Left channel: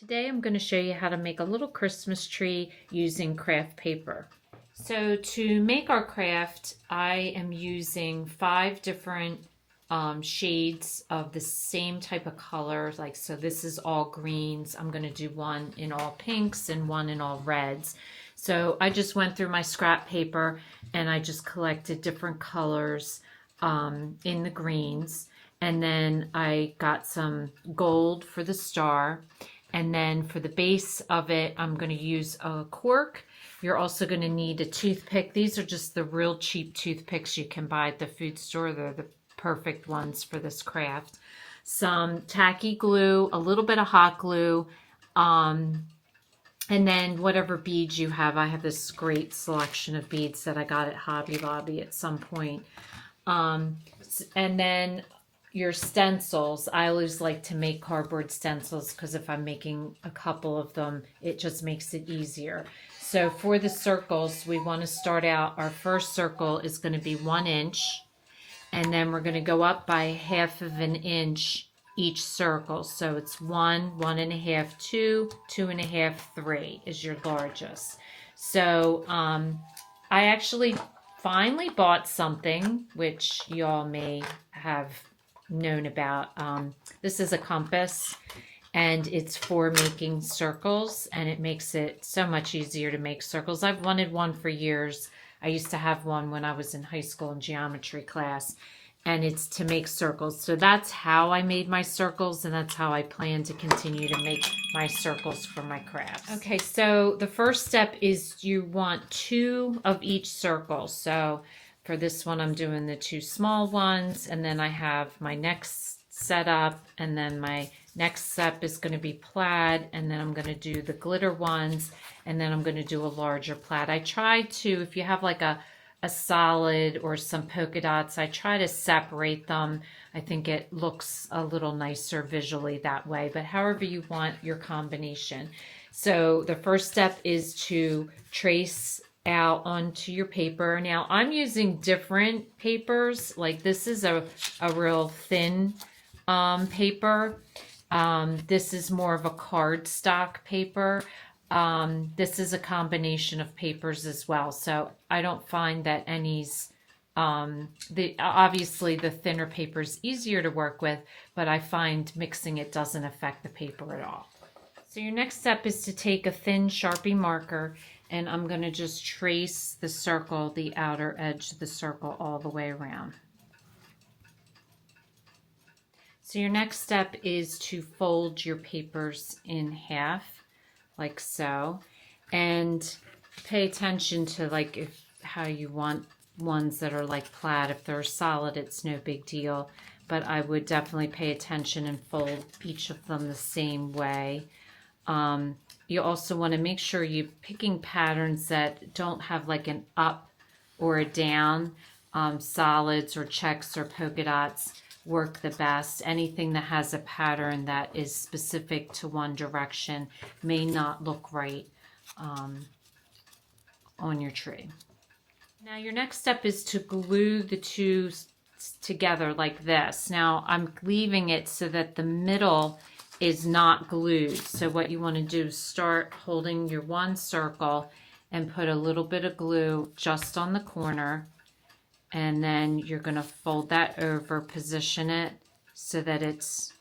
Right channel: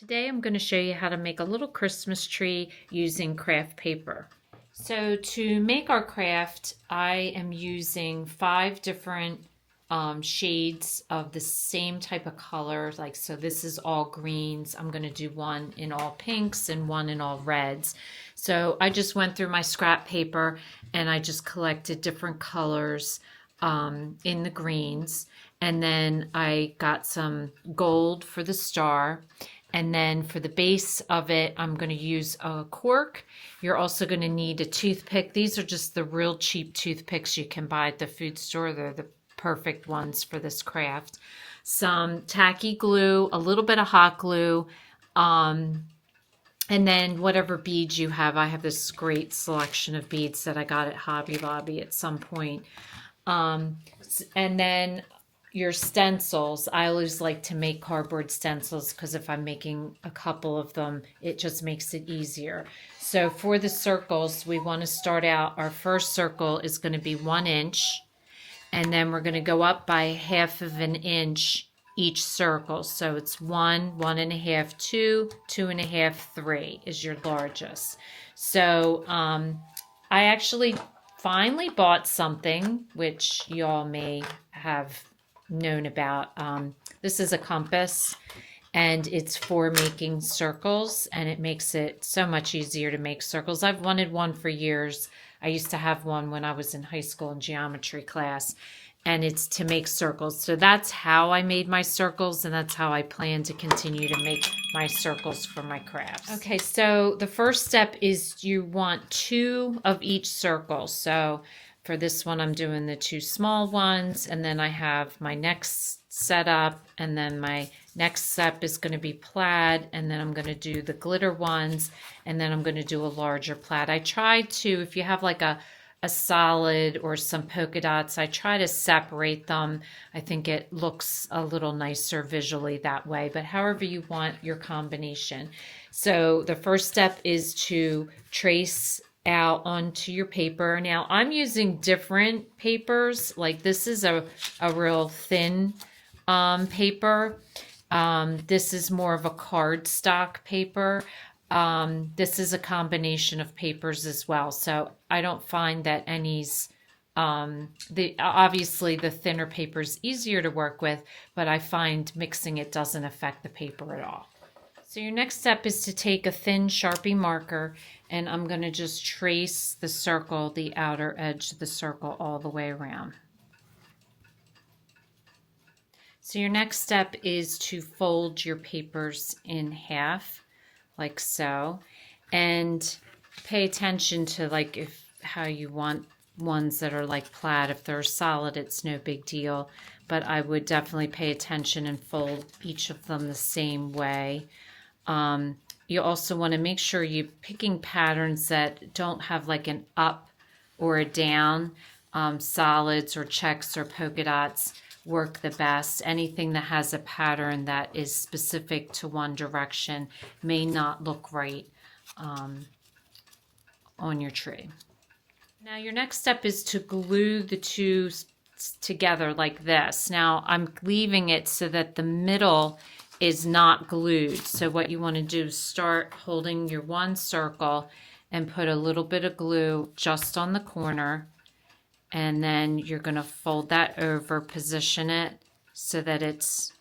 Today I'm going to show you how to make a little Christmas tree using craft paper. So to make our craft, I am using 5 different shades of the same type of color. So this is all greens. I'm going to do one in all pinks and one in all reds. So I just went through my scrap paper and I just collected different colors in the greens. And then I got some gold for the star. And then for the base of it, I'm going to use a cork. You're also going to need a toothpick. These are just the real cheap toothpicks you can buy at the food store. They're the perfect ones for this craft. Some tacky glue, a little bit of hot glue, and then whatever beads you have. I have this great selection of beads that I got at Hobby Lobby at some point. And then your stencils. I always like to make cardboard stencils because if I'm making a couple of them, it just makes it easier. So for the circles, we want to start out, our first circle is going to be 1 inch, and then we're going to go up by 1/2 of an inch each circle. So it's 1, 1.5, 2, 2.5, 3 is your largest. So I actually finally bought something which y'all may have known about. This is a compass, and it's for making circles, and it makes it so much easier to make circles. I've wanted one for years. I used to have one when I was in high school in geometry class, and it's to make circles. So that's how I made my circles, and that's how I plan to continue to make my circles for my crafts. Okay, so the first step is you want 2 of each circle. So for this one, I'm doing the 2 small ones, and then I have my next setup, and then my next step is going to be plaid, and then I'm going to do the glitter ones, and then I'm going to do a larger plaid. I try to, if you have like a solid or some polka dots, I try to separate them. I think it looks a little nicer visually that way, but however you want your combination. So the first step is to trace out onto your paper. Now I'm using different papers. Like this is a real thin paper. This is more of a cardstock paper. This is a combination of papers as well. So I don't find that any's obviously the thinner paper is easier to work with, but I find mixing it doesn't affect the paper at all. So your next step is to take a thin Sharpie marker, and I'm going to just trace the circle, the outer edge of the circle all the way around. So your next step is to fold your papers in half, like so, and pay attention to how you want ones that are like plaid. If they're solid, it's no big deal, but I would definitely pay attention and fold each of them the same way. You also want to make sure you're picking patterns that don't have like an up or a down. Solids or checks or polka dots work the best. Anything that has a pattern that is specific to one direction may not look right on your tree. Now your next step is to glue the 2 together like this. Now I'm leaving it so that the middle is not glued. So what you want to do is start holding your 1 circle and put a little bit of glue just on the corner, and then you're going to fold that over, position it so that it's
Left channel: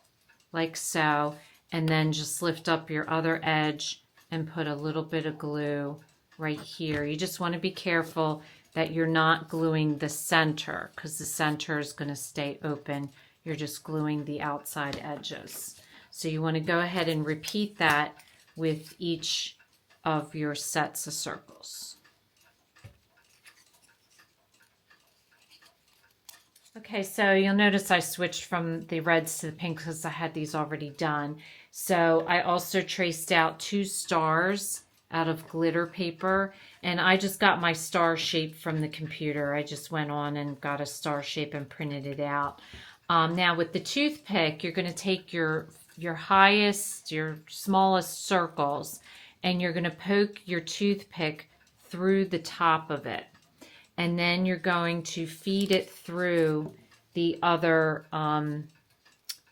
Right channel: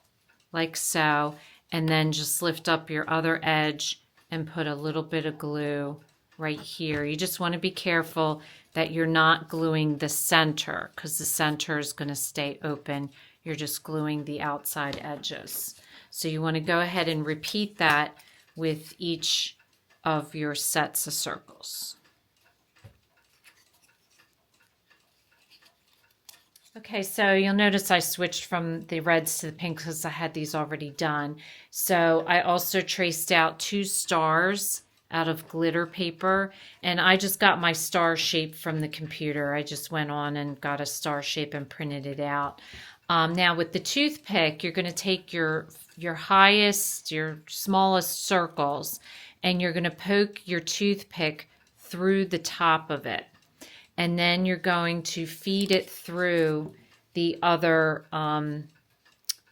like so, and then just lift up your other edge and put a little bit of glue right here. You just want to be careful that you're not gluing the center, because the center is going to stay open. You're just gluing the outside edges. So you want to go ahead and repeat that with each of your sets of circles. Okay, so you'll notice I switched from the reds to the pinks because I had these already done. So I also traced out 2 stars out of glitter paper, and I just got my star shape from the computer. I just went on and got a star shape and printed it out. Now with the toothpick, you're going to take your highest, your smallest circles, and you're going to poke your toothpick through the top of it. And then you're going to feed it through the other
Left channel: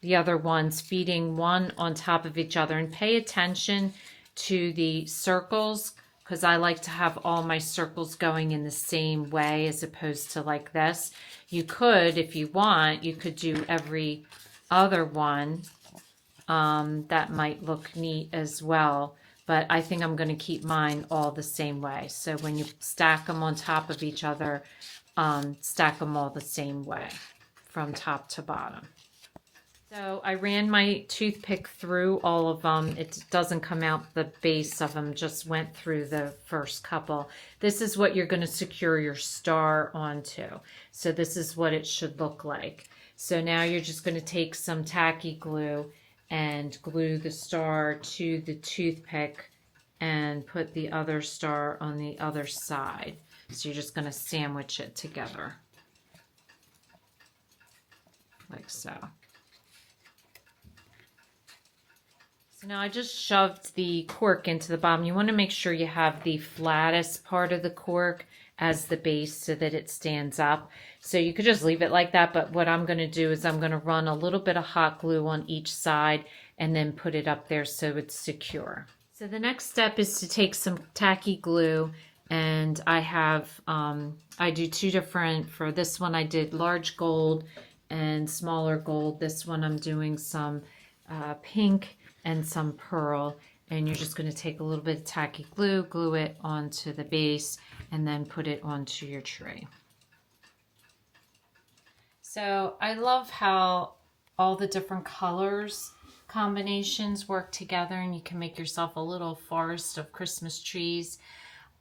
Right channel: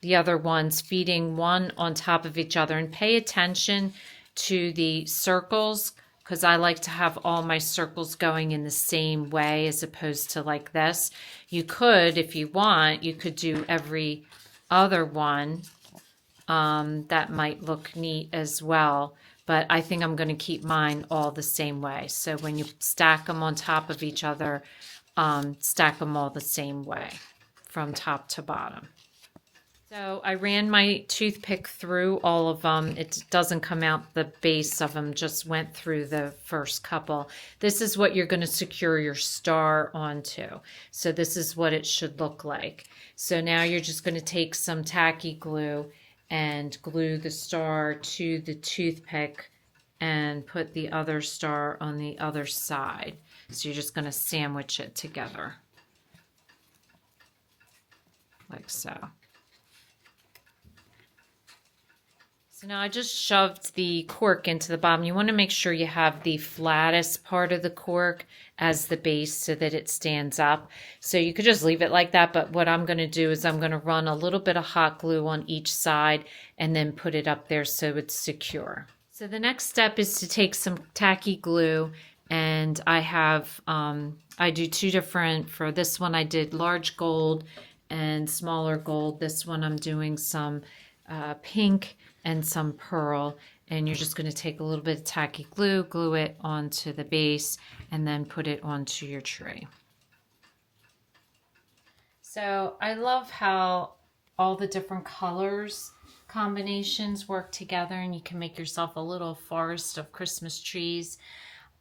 the other ones, feeding one on top of each other. And pay attention to the circles, because I like to have all my circles going in the same way as opposed to like this. You could, if you want, you could do every other one. That might look neat as well. But I think I'm going to keep mine all the same way. So when you stack them on top of each other, stack them all the same way from top to bottom. So I ran my toothpick through all of them. It doesn't come out the base of them, just went through the first couple. This is what you're going to secure your star onto. So this is what it should look like. So now you're just going to take some tacky glue and glue the star to the toothpick and put the other star on the other side. So you're just going to sandwich it together like so. So now I just shoved the cork into the bottom. You want to make sure you have the flattest part of the cork as the base so that it stands up. So you could just leave it like that, but what I'm going to do is I'm going to run a little bit of hot glue on each side and then put it up there so it's secure. So the next step is to take some tacky glue, and I have, I do two different, for this one I did large gold and smaller gold. This one I'm doing some pink and some pearl, and you're just going to take a little bit of tacky glue, glue it onto the base, and then put it onto your tree. So I love how all the different colors combinations work together, and you can make yourself a little forest of Christmas trees.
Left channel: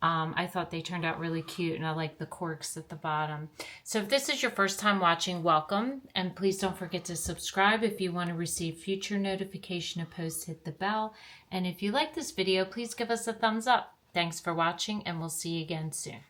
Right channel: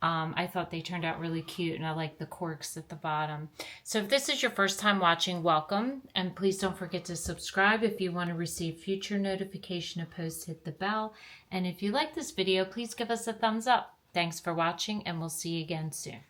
I thought they turned out really cute, and I like the corks at the bottom. So if this is your first time watching, welcome, and please don't forget to subscribe. If you want to receive future notification of posts, hit the bell. And if you like this video, please give us a thumbs up. Thanks for watching, and we'll see you again soon.